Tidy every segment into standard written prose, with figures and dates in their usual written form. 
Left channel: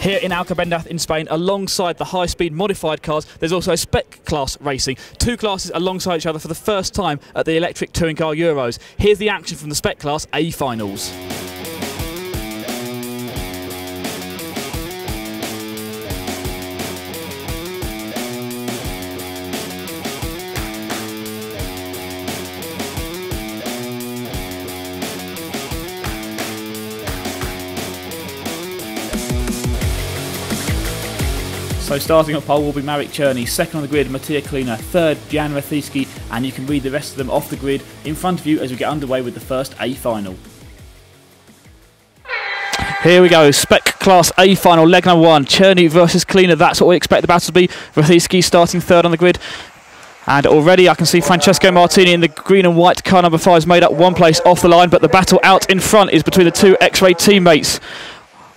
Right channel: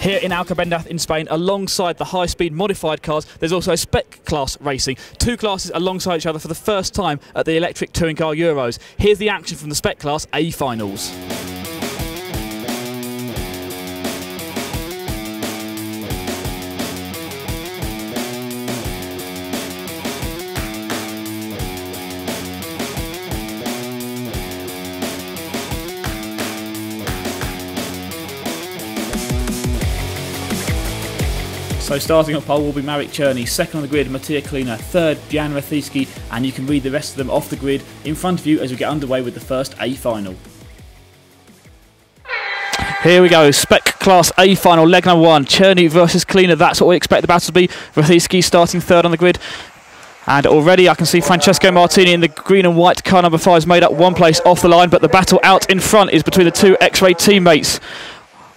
Here in Alcobendas in Spain, alongside the high-speed modified cars, there's also Spec class racing. Two classes alongside each other for the first time at the electric touring car Euros. Here's the action from the Spec class A finals. So starting at pole will be Marek Czerny, second on the grid Matija Kalina, third Jan Rethicki, and you can read the rest of them off the grid in front of you as we get underway with the first A final. Here we go, Spec Class A final, leg number one, Czerny versus Kalina. That's what we expect the battle to be. Rethicki starting third on the grid. And already I can see Francesco Martini in the green and white car number 5 has made up one place off the line, but the battle out in front is between the two X-Ray teammates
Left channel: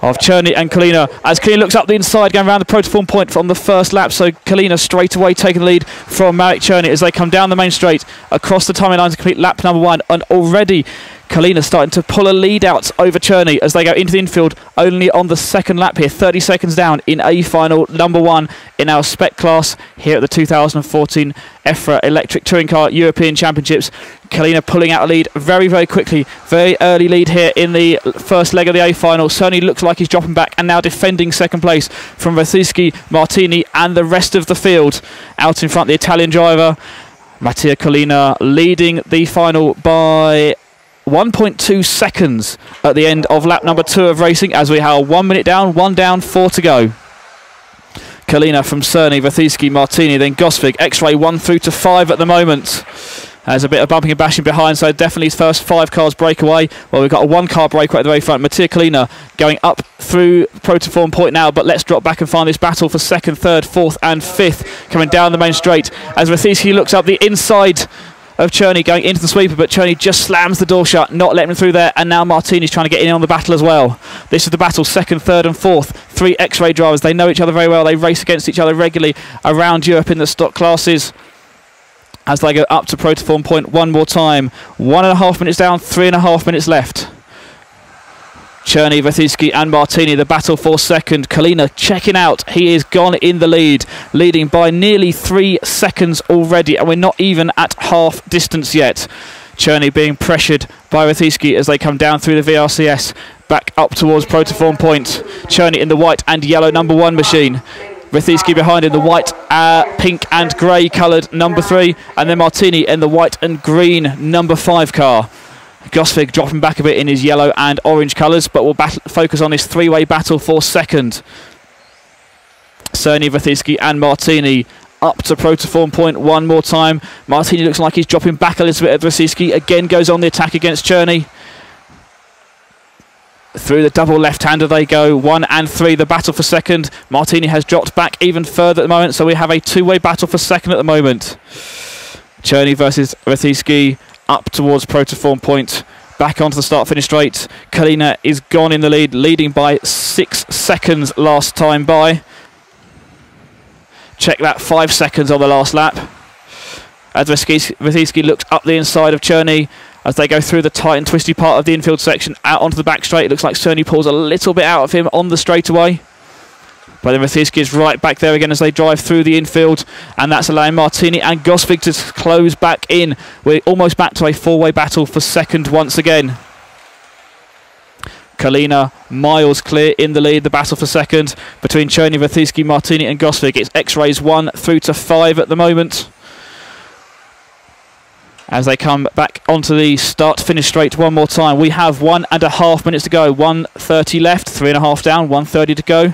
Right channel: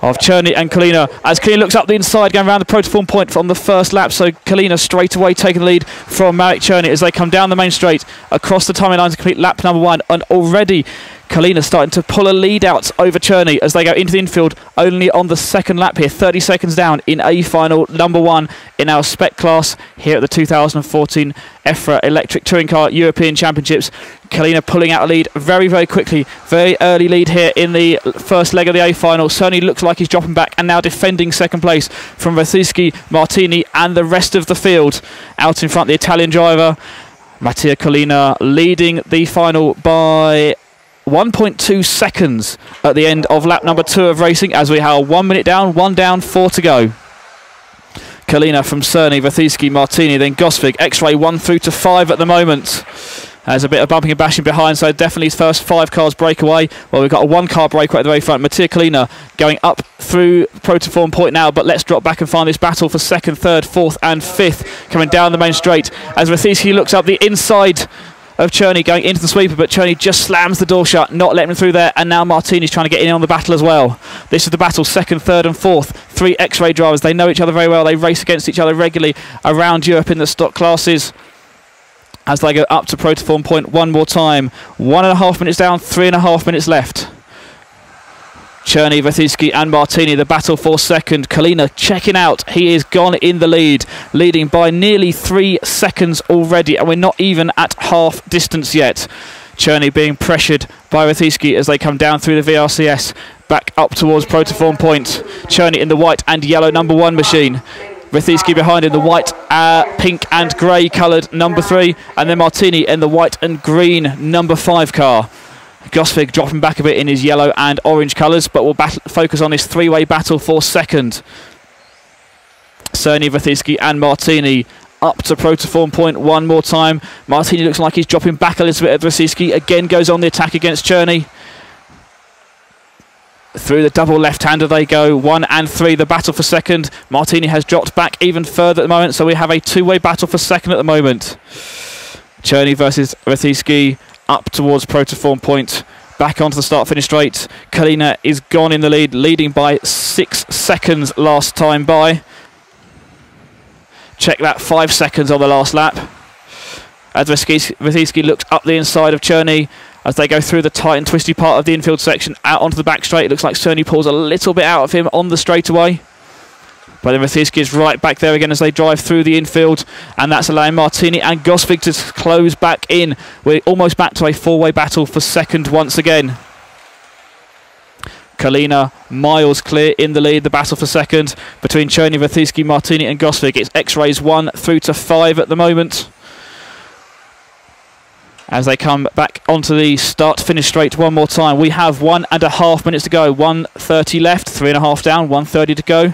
of Czerny and Kalina, as Kalina looks up the inside, going around the protoform point from the first lap. So Kalina straight away taking the lead from Marek Czerny as they come down the main straight across the timing line to complete lap number 1. And already Kalina starting to pull a lead out over Czerny as they go into the infield only on the second lap here, 30 seconds down in A final number 1 in our Spec class here at the 2014 EFRA Electric Touring Car European Championships. Kalina pulling out a lead very, very quickly. Very early lead here in the first leg of the A final. Certainly looks like he's dropping back and now defending second place from Rethicki, Martini and the rest of the field. Out in front, the Italian driver, Matija Kalina, leading the final by 1.2 seconds at the end of lap number 2 of racing as we have 1 minute down, 1 down, 4 to go. Kalina from Czerny, Rethicki, Martini, then Gosvig, X-Ray 1 through to 5 at the moment. There's a bit of bumping and bashing behind, so definitely his first 5 cars break away. Well, we've got a 1 car break right at the very front. Matija Kalina going up through protoform point now, but let's drop back and find this battle for 2nd, 3rd, 4th and 5th coming down the main straight as Rethicki looks up the inside of Czerny going into the sweeper, but Czerny just slams the door shut, not letting him through there, and now Martini's trying to get in on the battle as well. This is the battle, 2nd, 3rd and 4th. 3 X-Ray drivers, they know each other very well, they race against each other regularly around Europe in the stock classes as they go up to protoform point one more time. 1.5 minutes down, 3.5 minutes left. Czerny, Rethicki and Martini, the battle for 2nd. Kalina checking out. He is gone in the lead, leading by nearly 3 seconds already, and we're not even at half distance yet. Czerny being pressured by Rethicki as they come down through the VRCS, back up towards protoform point. Czerny in the white and yellow number 1 machine. Rethicki behind in the white, pink and grey coloured number 3, and then Martini in the white and green number 5 car. Gosvig dropping back a bit in his yellow and orange colours, but we'll focus on this 3-way battle for 2nd. Czerny, Rethicki and Martini up to protoform point one more time. Martini looks like he's dropping back a little bit at Rethicki. Again goes on the attack against Czerny. Through the double left-hander they go, 1 and 3, the battle for 2nd. Martini has dropped back even further at the moment, so we have a 2-way battle for 2nd at the moment. Czerny versus Rethicki. Up towards protoform point, back onto the start-finish straight. Kalina is gone in the lead, leading by 6 seconds last time by. Check that, 5 seconds on the last lap. As Rethicki looks up the inside of Czerny as they go through the tight and twisty part of the infield section, out onto the back straight. It looks like Czerny pulls a little bit out of him on the straightaway. But then Rethicki is right back there again as they drive through the infield, and that's allowing Martini and Gosvig to close back in. We're almost back to a 4-way battle for 2nd once again. Kalina miles clear in the lead, the battle for 2nd between Czerny, Rethicki, Martini and Gosvig. It's X-Rays 1 through to 5 at the moment as they come back onto the start-finish straight one more time. We have 1.5 minutes to go, 1:30 left, 3.5 down, 1:30 to go.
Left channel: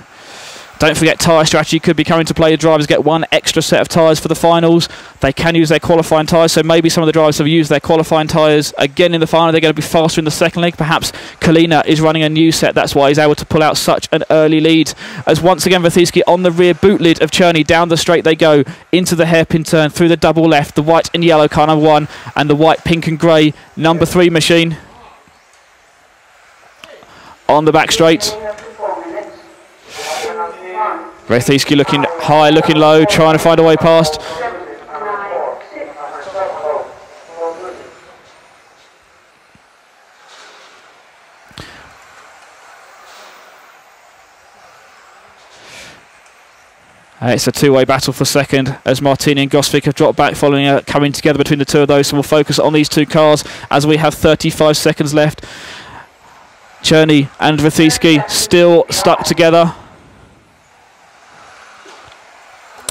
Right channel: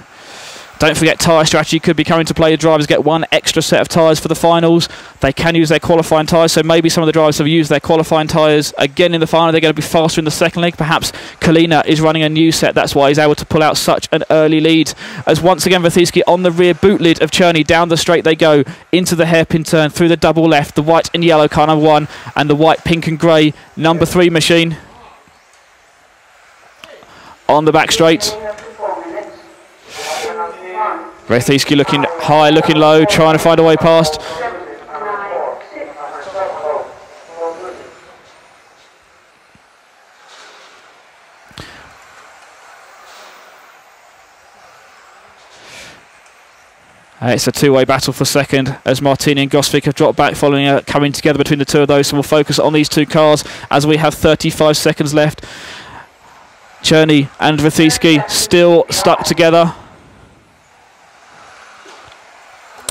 Don't forget, tyre strategy could be coming to play. The drivers get 1 extra set of tyres for the finals. They can use their qualifying tyres, so maybe some of the drivers have used their qualifying tyres again in the final. They're going to be faster in the 2nd leg. Perhaps Kalina is running a new set. That's why he's able to pull out such an early lead. As once again, Rethicki on the rear boot lid of Czerny. Down the straight they go, into the hairpin turn, through the double left. The white and yellow car number 1 and the white, pink and grey number 3 machine. On the back straight. Rethicki looking high, looking low, trying to find a way past. It's a two-way battle for second as Martini and Gosvik have dropped back following coming together between the two of those. So we'll focus on these two cars as we have 35 seconds left. Czerny and Wrothiski still stuck together.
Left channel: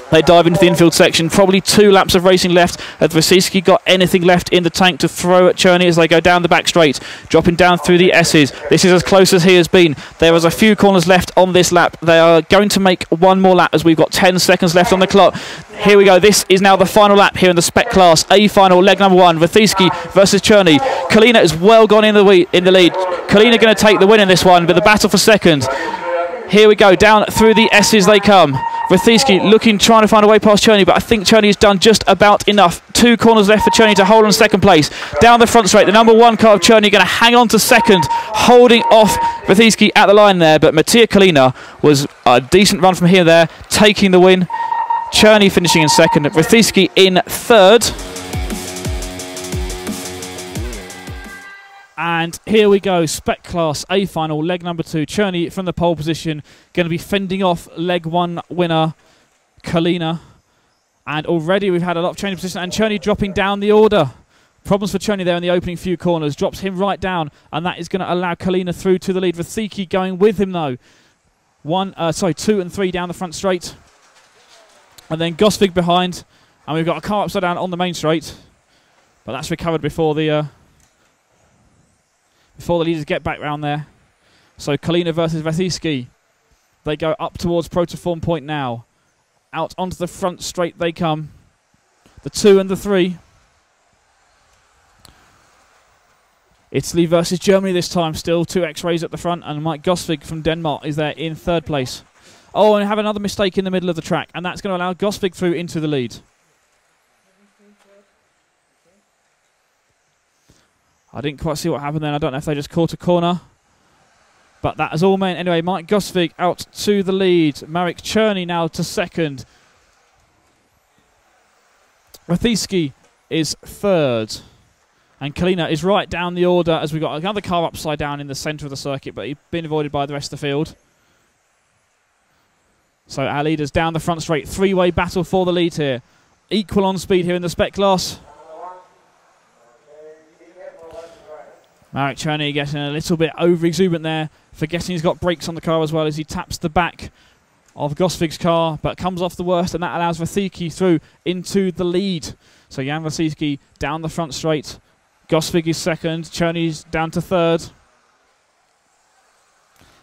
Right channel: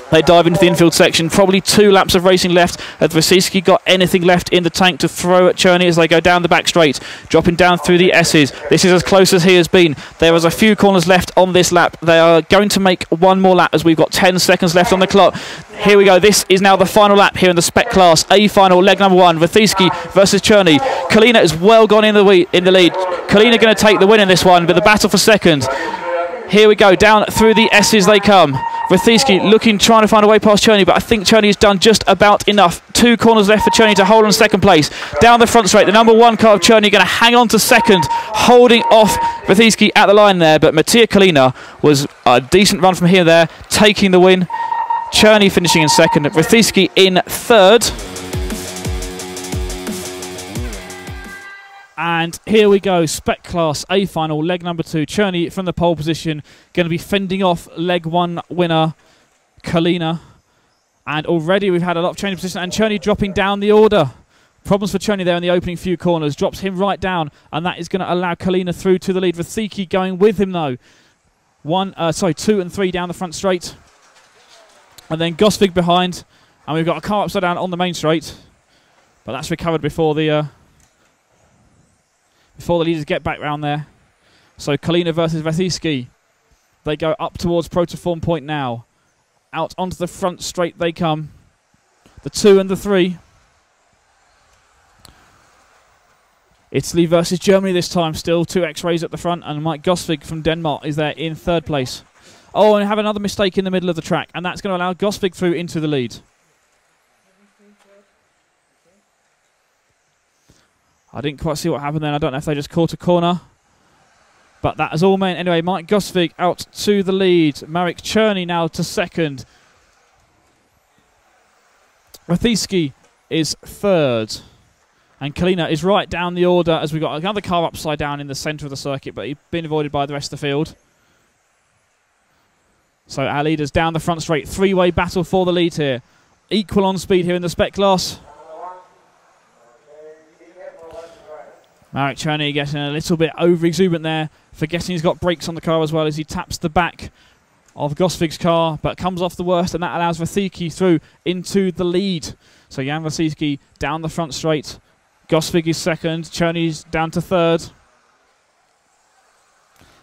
They dive into the infield section. Probably 2 laps of racing left. Has Wrothiski got anything left in the tank to throw at Czerny as they go down the back straight, dropping down through the S's. This is as close as he has been. There is a few corners left on this lap. They are going to make one more lap as we've got 10 seconds left on the clock. Here we go. This is now the final lap here in the Spec Class A final, leg number 1. Wrothiski versus Czerny. Kalina is well gone in the lead. Kalina going to take the win in this one, but the battle for second. Here we go, down through the S's they come. Wrothiski trying to find a way past Czerny, but I think Czerny has done just about enough. 2 corners left for Czerny to hold on second place. Down the front straight, the number 1 car of Czerny going to hang on to second, holding off Wrothiski at the line there, but Mattia Kalina was a decent run from here there, taking the win. Czerny finishing in second, Wrothiski in third. And here we go, Spec Class A final, leg number 2. Czerny from the pole position, going to be fending off leg 1 winner, Kalina. And already we've had a lot of change of position, and Czerny dropping down the order. Problems for Czerny there in the opening few corners, drops him right down, and that is going to allow Kalina through to the lead. Wrothiski going with him though. 2 and 3 down the front straight. And then Gosvik behind, and we've got a car upside down on the main straight. But that's recovered before the leaders get back round there. So Kalina versus Wrothiski. They go up towards Protoform Point now. Out onto the front straight they come. The 2 and the 3. Italy versus Germany this time. Still 2 X-rays at the front. And Mike Gosvik from Denmark is there in third place. Oh, and have another mistake in the middle of the track. And that's going to allow Gosvik through into the lead. I didn't quite see what happened then. I don't know if they just caught a corner. But that is all meant. Anyway, Mike Gosvik out to the lead. Marek Czerny now to second. Wrothiski is third. And Kalina is right down the order as we've got another car upside down in the centre of the circuit, but he's been avoided by the rest of the field. So our leaders down the front straight. 3-way battle for the lead here. Equal on speed here in the Spec Class. Marek Czerny getting a little bit over-exuberant there, forgetting he's got brakes on the car as well as he taps the back of Gosvik's car, but comes off the worst, and that allows Wrothiski through into the lead. So Jan Wrothiski down the front straight. Gosvik is second. Czerny's down to third.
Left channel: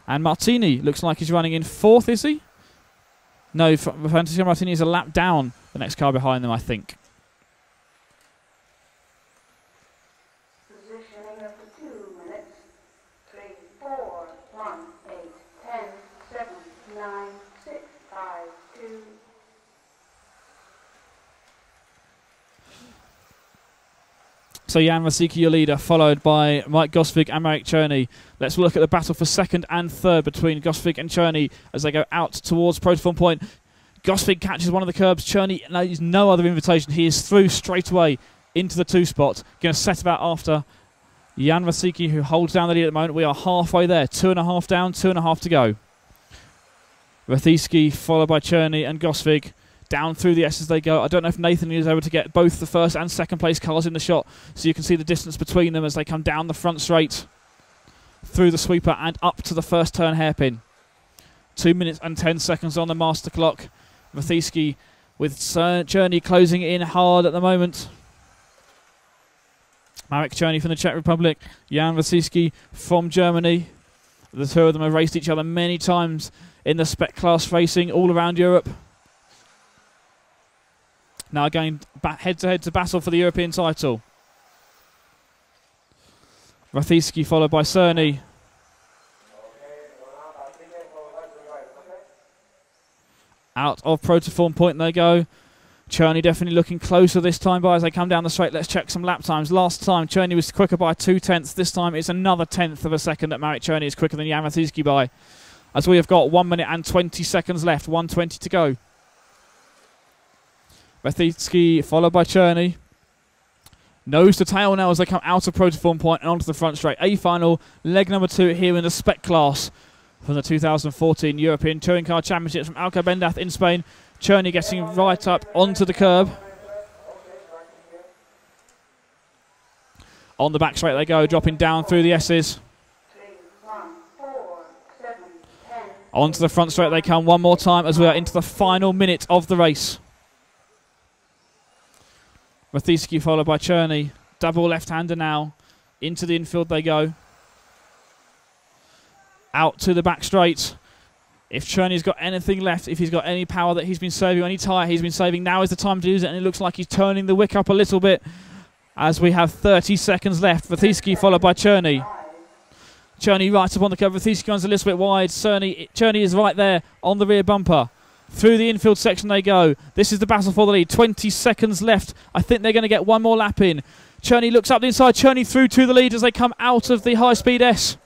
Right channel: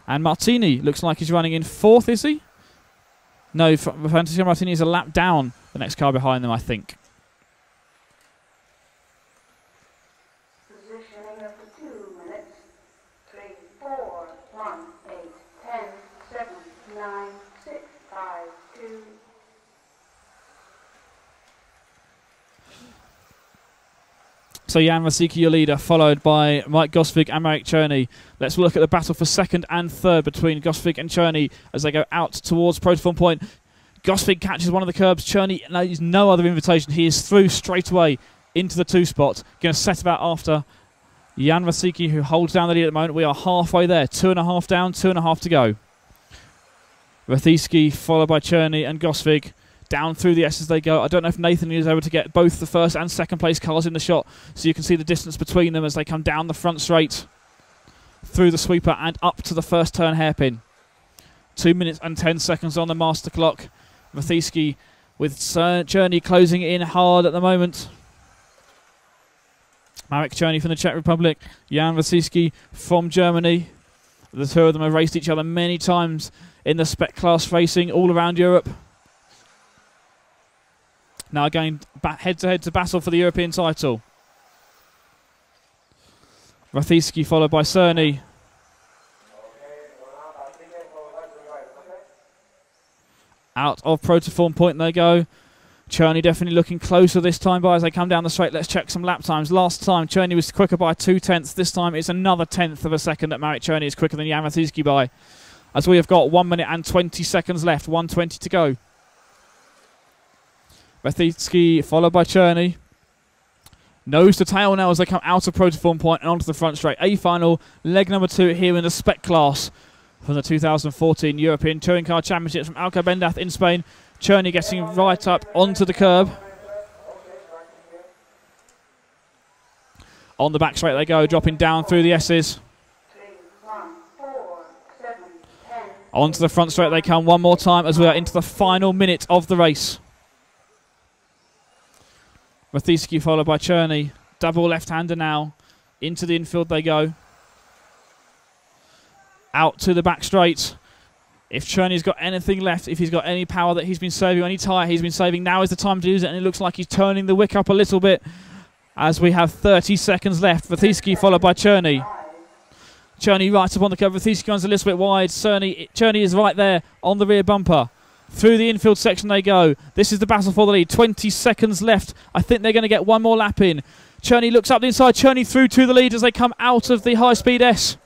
And Martini looks like he's running in fourth, is he? No, Francesco Martini is a lap down the next car behind them, I think. So Jan Wrothiski, your leader, followed by Mike Gosvik and Marek Czerny. Let's look at the battle for second and third between Gosvik and Czerny as they go out towards Protoform Point. Gosvik catches one of the curbs. Czerny needs no other invitation. He is through straight away into the 2 spot. Going to set about after Jan Wrothiski, who holds down the lead at the moment. We are halfway there. 2.5 down, 2.5 to go. Wrothiski followed by Czerny and Gosvik. Down through the S as they go. I don't know if Nathan is able to get both the first and second place cars in the shot, so you can see the distance between them as they come down the front straight, through the sweeper and up to the first turn hairpin. 2 minutes and 10 seconds on the master clock. Wrothiski with Czerny closing in hard at the moment. Marek Czerny from the Czech Republic, Jan Wrothiski from Germany. The two of them have raced each other many times in the Spec Class racing all around Europe. Now going back head-to-head to battle for the European title. Wrothiski followed by Czerny. Out of Protoform Point they go. Czerny definitely looking closer this time by as they come down the straight. Let's check some lap times. Last time Czerny was quicker by 0.2. This time it's another 1/10 of a second that Marek Czerny is quicker than Jan Wrothiski by. As we have got 1 minute and 20 seconds left. 1:20 to go. Wrothiski followed by Czerny. Nose to tail now as they come out of Protoform Point and onto the front straight. A final, leg number 2 here in the Spec Class from the 2014 European Touring Car Championships from Alcobendas in Spain. Cherney getting right up onto the curb. On the back straight they go, dropping down through the S's. Onto the front straight they come one more time as we are into the final minute of the race. Mathieski followed by Cherney. Double left-hander now. Into the infield they go. Out to the back straight. If Cherney's got anything left, if he's got any power that he's been saving, any tyre he's been saving, now is the time to use it, and it looks like he's turning the wick up a little bit as we have 30 seconds left. Mathieski followed by Cherney. Cherney right up on the curve. Mathieski runs a little bit wide. Cherney is right there on the rear bumper. Through the infield section they go. This is the battle for the lead. 20 seconds left. I think they're going to get one more lap in. Cherney looks up the inside. Cherney through to the lead as they come out of the high-speed S.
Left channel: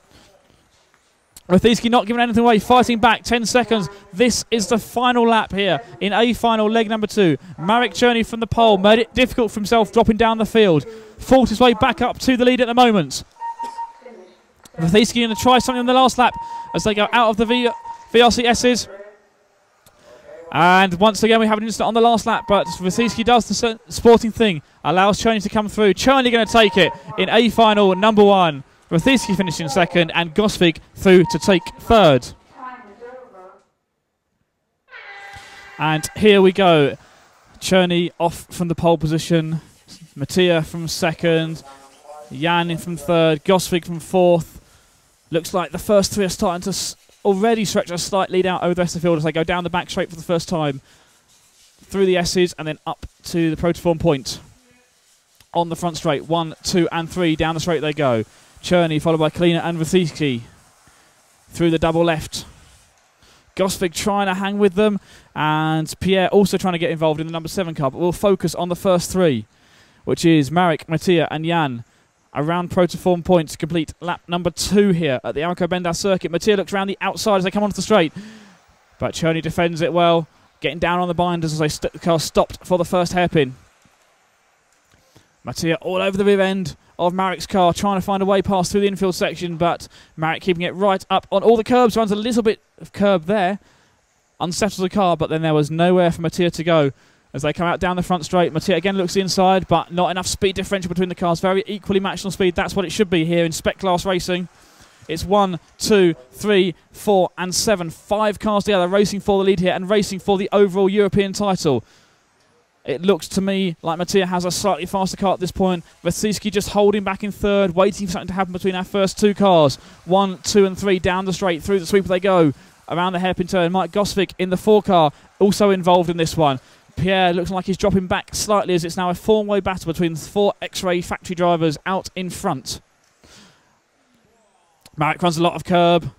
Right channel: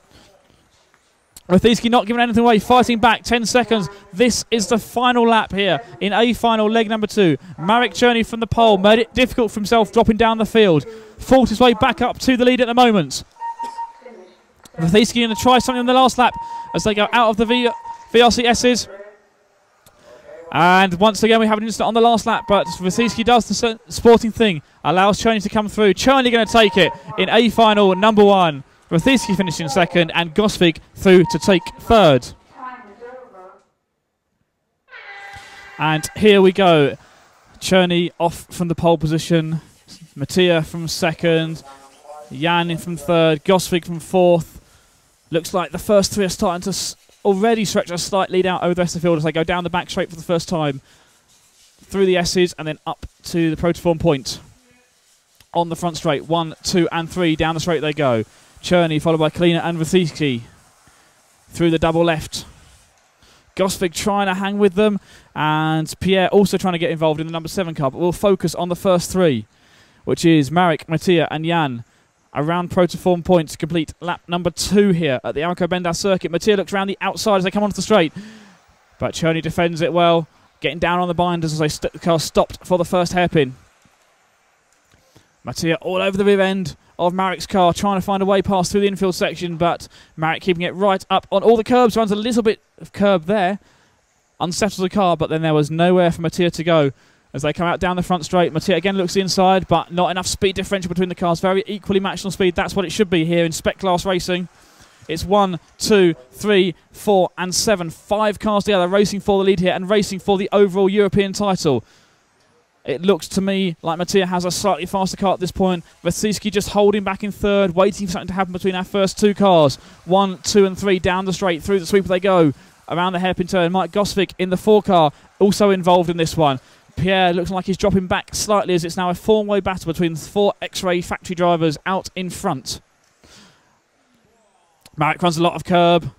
Mathieski not giving anything away, fighting back, 10 seconds. This is the final lap here in A final, leg number 2. Marek Cherney from the pole made it difficult for himself, dropping down the field. Fought his way back up to the lead at the moment. Mathieski going to try something on the last lap as they go out of the VRC S's. And once again we have an incident on the last lap, but Mathieski does the sporting thing, allows Cherney to come through. Cherney going to take it in A final number 1. Mathieski finishing second and Gosvig through to take third. And here we go. Cherney off from the pole position. Mattia from second. Jan in from third. Gosvig from fourth. Looks like the first three are starting to already stretch a slight lead out over the rest of the field as they go down the back straight for the first time. Through the S's and then up to the Protoform point. On the front straight. 1, 2 and 3. Down the straight they go. Cherney followed by Klina and Mathieski through the double left. Gosvig trying to hang with them, and Pierre also trying to get involved in the number 7 car, but we'll focus on the first 3, which is Marek, Mattia and Jan around Protoform point to complete lap number 2 here at the Alcobendas circuit. Mattia looks around the outside as they come onto the straight, but Cherney defends it well, getting down on the binders as the car stopped for the first hairpin. Mattia all over the rear end of Marek's car, trying to find a way past through the infield section, but Marek keeping it right up on all the curbs, runs a little bit of curb there, unsettles the car, but then there was nowhere for Mattia to go as they come out down the front straight. Mattia again looks inside, but not enough speed differential between the cars, very equally matched on speed. That's what it should be here in Spec class racing. It's 1, 2, 3, 4 and 7, 5 cars together racing for the lead here and racing for the overall European title. It looks to me like Mattia has a slightly faster car at this point. Mathieski just holding back in third, waiting for something to happen between our first 2 cars. 1, 2 and 3 down the straight, through the sweeper they go. Around the hairpin turn, Mike Gosvig in the 4 car, also involved in this one. Pierre looks like he's dropping back slightly as it's now a 4-way battle between 4 X-Ray factory drivers out in front. Marek runs a lot of curb.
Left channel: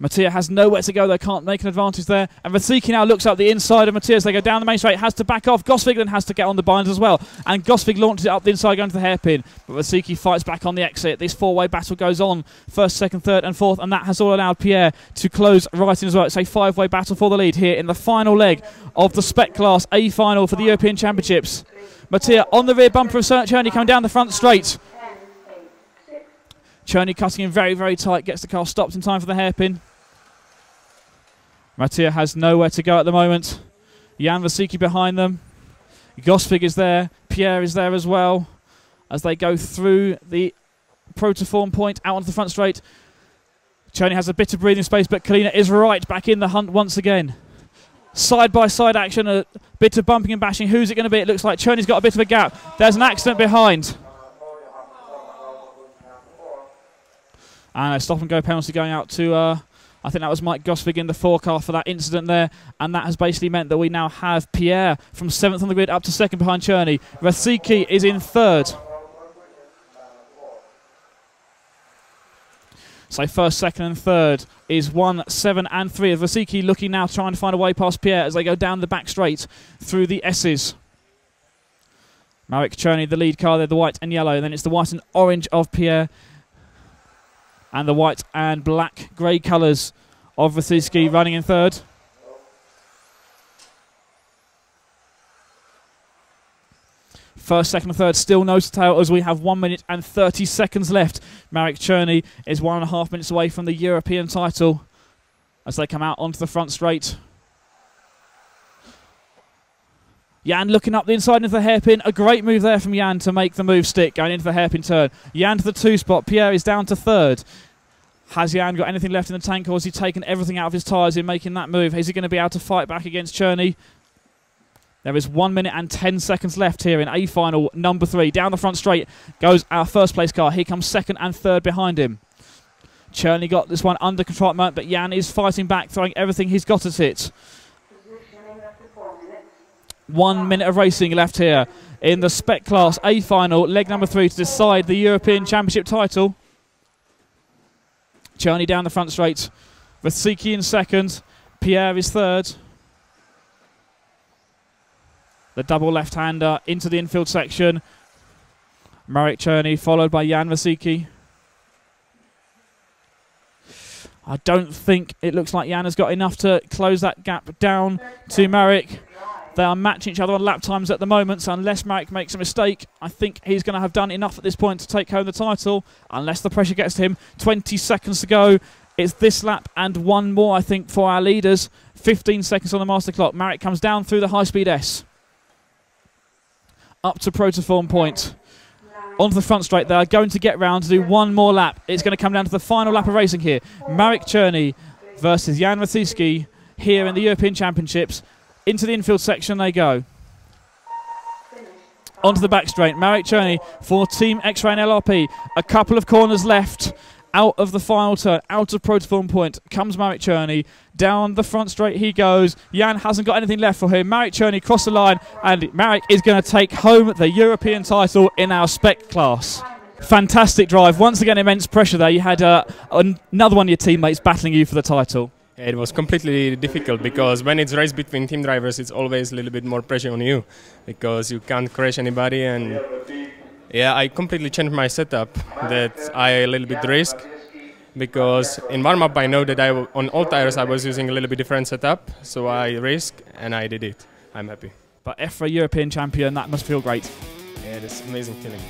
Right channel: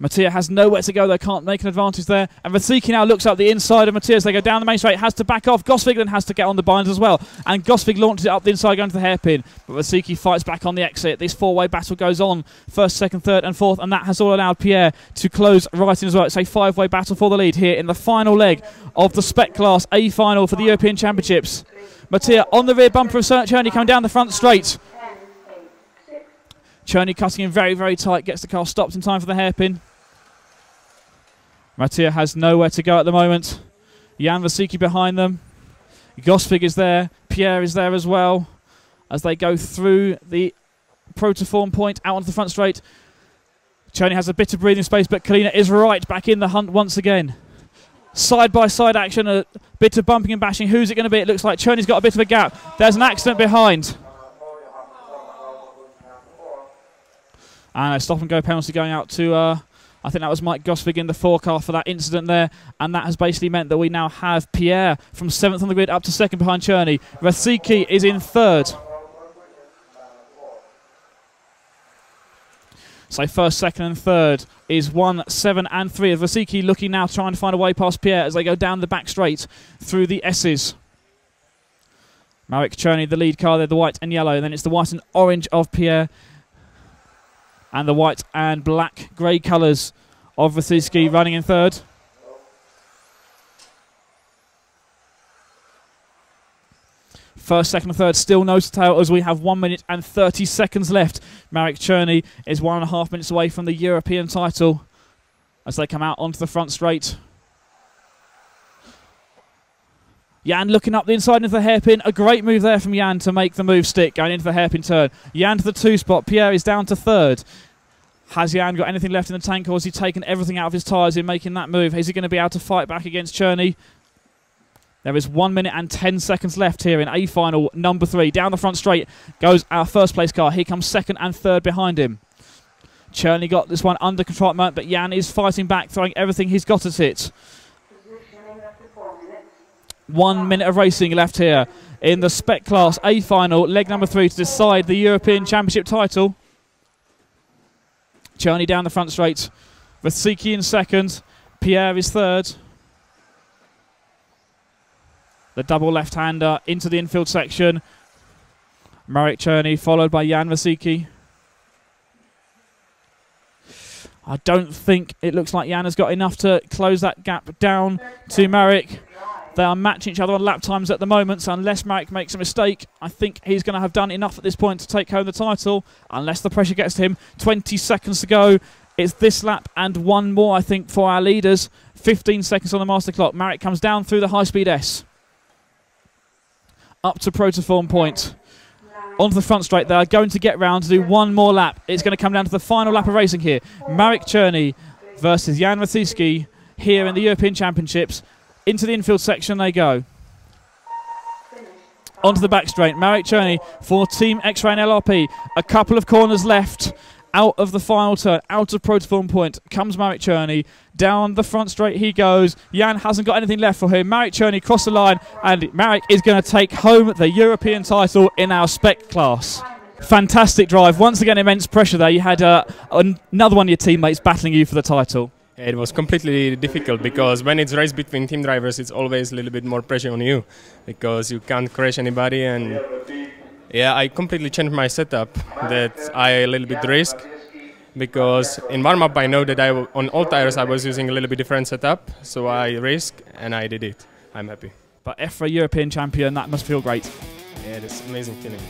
Mattia has nowhere to go, they can't make an advantage there. And Mathieski now looks up the inside of Mattia as they go down the main straight, has to back off. Gosvig then has to get on the binders as well. And Gosvig launches it up the inside going to the hairpin. But Mathieski fights back on the exit. This 4-way battle goes on, first, second, third and fourth. And that has all allowed Pierre to close right in as well. It's a 5-way battle for the lead here in the final leg of the Spec Class A final for the European Championships. Mattia on the rear bumper of Cherney coming down the front straight. Cherney cutting in very, very tight, gets the car stopped in time for the hairpin. Mattia has nowhere to go at the moment. Jan Mathieski behind them. Gosvig is there. Pierre is there as well as they go through the Protoform point out onto the front straight. Cherney has a bit of breathing space, but Kalina is right back in the hunt once again. Side-by-side action, a bit of bumping and bashing. Who's it going to be? It looks like Cherney's got a bit of a gap. There's an accident behind. And a stop-and-go penalty going out to, I think that was Mike Gosvig in the 4 car for that incident there. And that has basically meant that we now have Pierre from 7th on the grid up to 2nd behind Cherney. Mathieski is in 3rd. So 1st, 2nd and 3rd is 1, 7 and 3. Of Mathieski looking now, trying to find a way past Pierre as they go down the back straight through the S's. Marek Cherney, the lead car there, the white and yellow. And then it's the white and orange of Pierre. And the white and black grey colours of Mathieski running in 3rd. First, second and third still nose to tail as we have 1 minute and 30 seconds left. Marek Cherney is 1.5 minutes away from the European title as they come out onto the front straight. Jan looking up the inside into the hairpin. A great move there from Jan to make the move stick, going into the hairpin turn. Jan to the 2 spot. Pierre is down to 3rd. Has Jan got anything left in the tank, or has he taken everything out of his tyres in making that move? Is he going to be able to fight back against Cherney? There is 1 minute and 10 seconds left here in A final number 3. Down the front straight goes our first place car. Here comes 2nd and 3rd behind him. Cherney got this one under control at the moment, but Jan is fighting back, throwing everything he's got at it. 1 minute of racing left here in the Spec Class A final, leg number 3, to decide the European Championship title. Cherney down the front straight. Vasicki in 2nd. Pierre is 3rd. The double left-hander into the infield section. Marek Cherney followed by Jan Vasicki. I don't think it looks like Jan has got enough to close that gap down to Marek. They are matching each other on lap times at the moment, so unless Marek makes a mistake, I think he's going to have done enough at this point to take home the title, unless the pressure gets to him. 20 seconds to go. It's this lap and one more, I think, for our leaders. 15 seconds on the master clock. Marek comes down through the high-speed S. Up to Protoform point. Onto the front straight. They are going to get round to do one more lap. It's going to come down to the final lap of racing here. Marek Cherney versus Jan Vasicki here in the European Championships. Into the infield section they go. Onto the back straight. Marek Cherney for Team EFRA and LRP. A couple of corners left. Out of the final turn, out of Protoform point, comes Marek Cherney. Down the front straight he goes. Jan hasn't got anything left for him. Marek Cherney crossed the line, and Marek is going to take home the European title in our Spec class. Fantastic drive. Once again, immense pressure there. You had another one of your teammates battling you for the title. It was completely difficult because when it's race between team drivers, it's always a little bit more pressure on you because you can't crash anybody. And yeah, I completely changed my setup that I a little bit risk because in warm-up I know that on all tires I was using a little bit different setup, so I risk and I did it. I'm happy. But EFRA European champion, that must feel great. Yeah, it's an amazing feeling.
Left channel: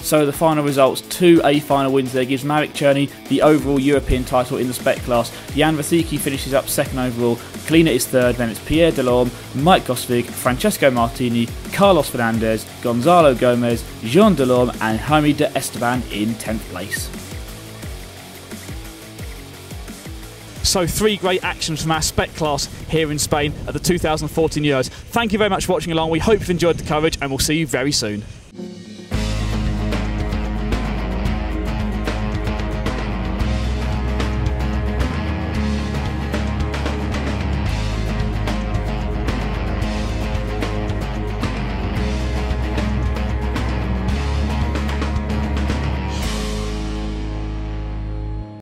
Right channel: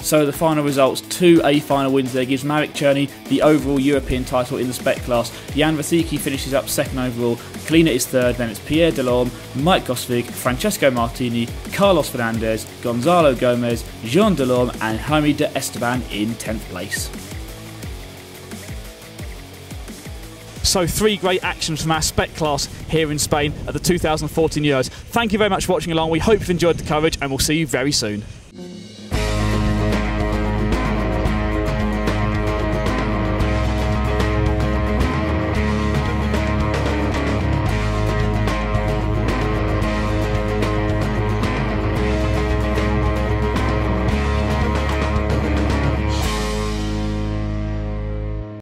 So the final results, 2 A final wins there, gives Marek Cherney the overall European title in the Spec class. Jan Vasicki finishes up 2nd overall, Kalina is 3rd, then it's Pierre Delorme, Mike Gosvig, Francesco Martini, Carlos Fernandez, Gonzalo Gomez, Jean Delorme and Jaime de Esteban in 10th place. So 3 great actions from our Spec class here in Spain at the 2014 Euros. Thank you very much for watching along. We hope you've enjoyed the coverage and we'll see you very soon.